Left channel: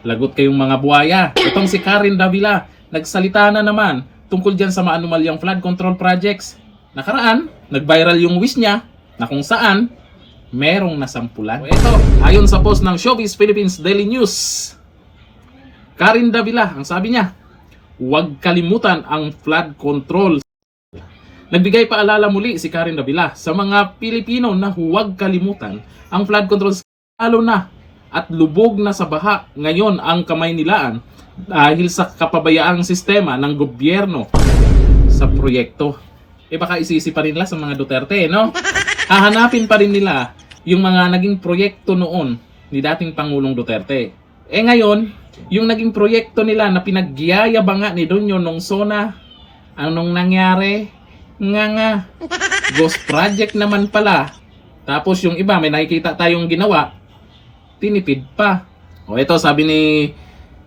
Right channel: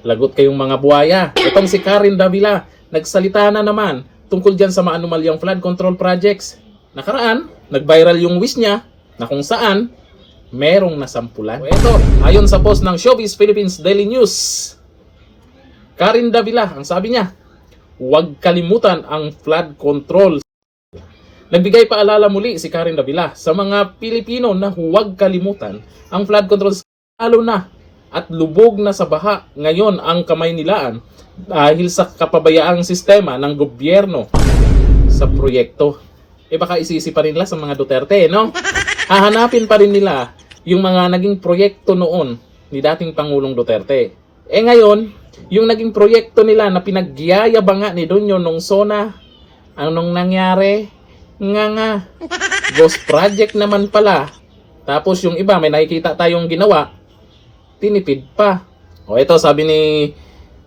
Lagot kayong mga buhaya. Itong si Karen Davila, nagsalita na naman tungkol dyan sa maanumalyang flood control projects. Nakaraan, nag-viral yung wish niya na kung saan merong nasampulan. Ito, ayon sa post ng Showbiz Philippines Daily News, Karen Davila, ang sabi niya, huwag kalimutan ang flood control. Nagbigay paalala muli si Karen Davila sa mga Pilipino na huwag kalimutan ang flood control, lalo na at lubog na sa baha ngayon ang Kamaynilaan dahil sa kapabayaang sistema ng gobyerno sa proyekto. Baka isisi pa rin nila sa mga Duterte, no? Hahanapin pa rin nila yung mga naging proyekto noon ni dating Pangulong Duterte. Ngayon, yung naging proyekto nila na pinagyayabanga ni Donyo nung SONA, anong nangyari? Nga. Ghost project naman pala. Tapos yung iba, may nakikita tayong ginawa, tinipid pa. Ito sabi ni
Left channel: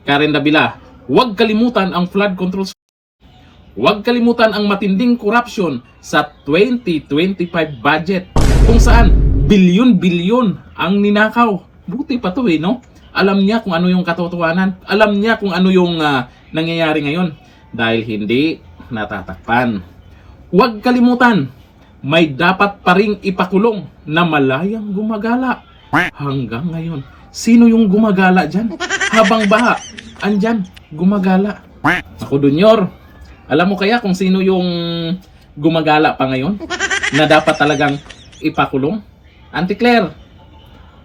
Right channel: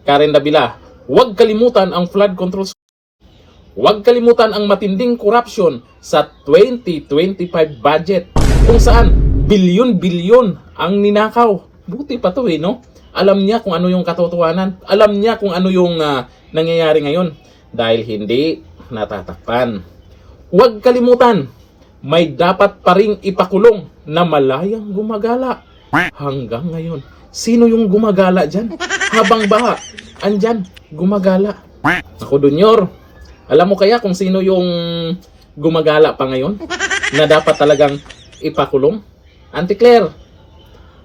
Karen Davila, huwag kalimutan ang flood control. Huwag kalimutan ang matinding corruption sa 2025 budget kung saan bilyon-bilyon ang ninakaw. Buti pa to no? Alam niya kung ano yung katotohanan. Alam niya kung ano yung nangyayari ngayon dahil hindi natatakpan. Huwag kalimutan, may dapat pa ring ipakulong na malayang gumagala. Hanggang ngayon, sino yung gumagala dyan? Habang baha, andyan, gumagala. Ako, Dunyor, alam mo kaya kung sino yung gumagala pa ngayon? Na dapat talagang ipakulong? Auntie Claire,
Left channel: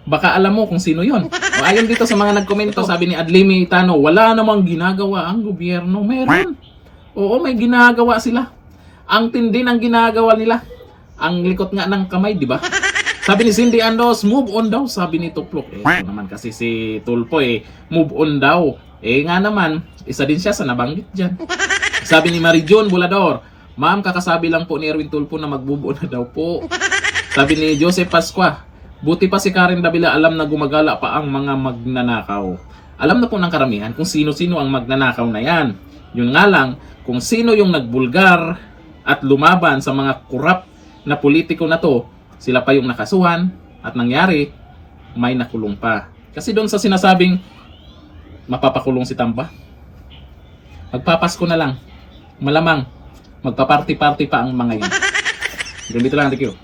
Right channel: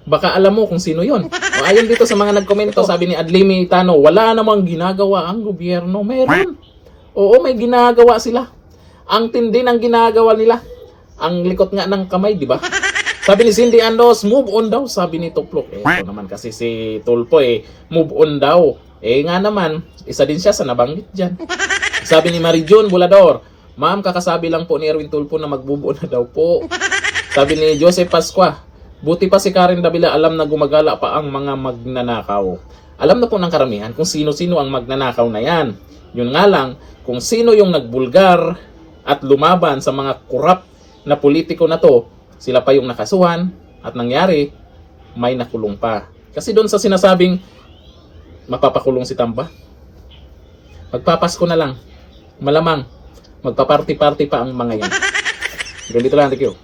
baka alam mo kung sino yon. Ayon dito sa mga nagkomento, sabi ni Adlimi Tano, wala namang ginagawa ang gobyerno. Meron. Oo, may ginagawa sila. Ang tindi ng ginagawa nila. Ang likot nga ng kamay, di ba? Sabi ni Cindy Andos, move on daw, sabi ni Tuplok. Ito naman kasi si Tulpo move on daw. Nga naman, isa din siya sa nabanggit dyan. Sabi ni Marijon Bulador, ma'am, kakasabi lang po ni Erwin Tulpo na mag-move on na daw po. Sabi ni Joseph Pasqua, buti pa si Karen Davila alam na gumagala pa ang mga magnanakaw. Alam na po ng karamihan kung sino-sino ang magnanakaw na yan. Yun nga lang, kung sino yung nagbulgar at lumaban sa mga korap na politiko na to, sila pa yung nakasuhan at nangyari, may nakulong pa. Kasi doon sa sinasabing mapapakulong si Tamba, magpapasko na lang. Malamang, magpaparty-party pa ang mga yan. Ganito lang, thank you.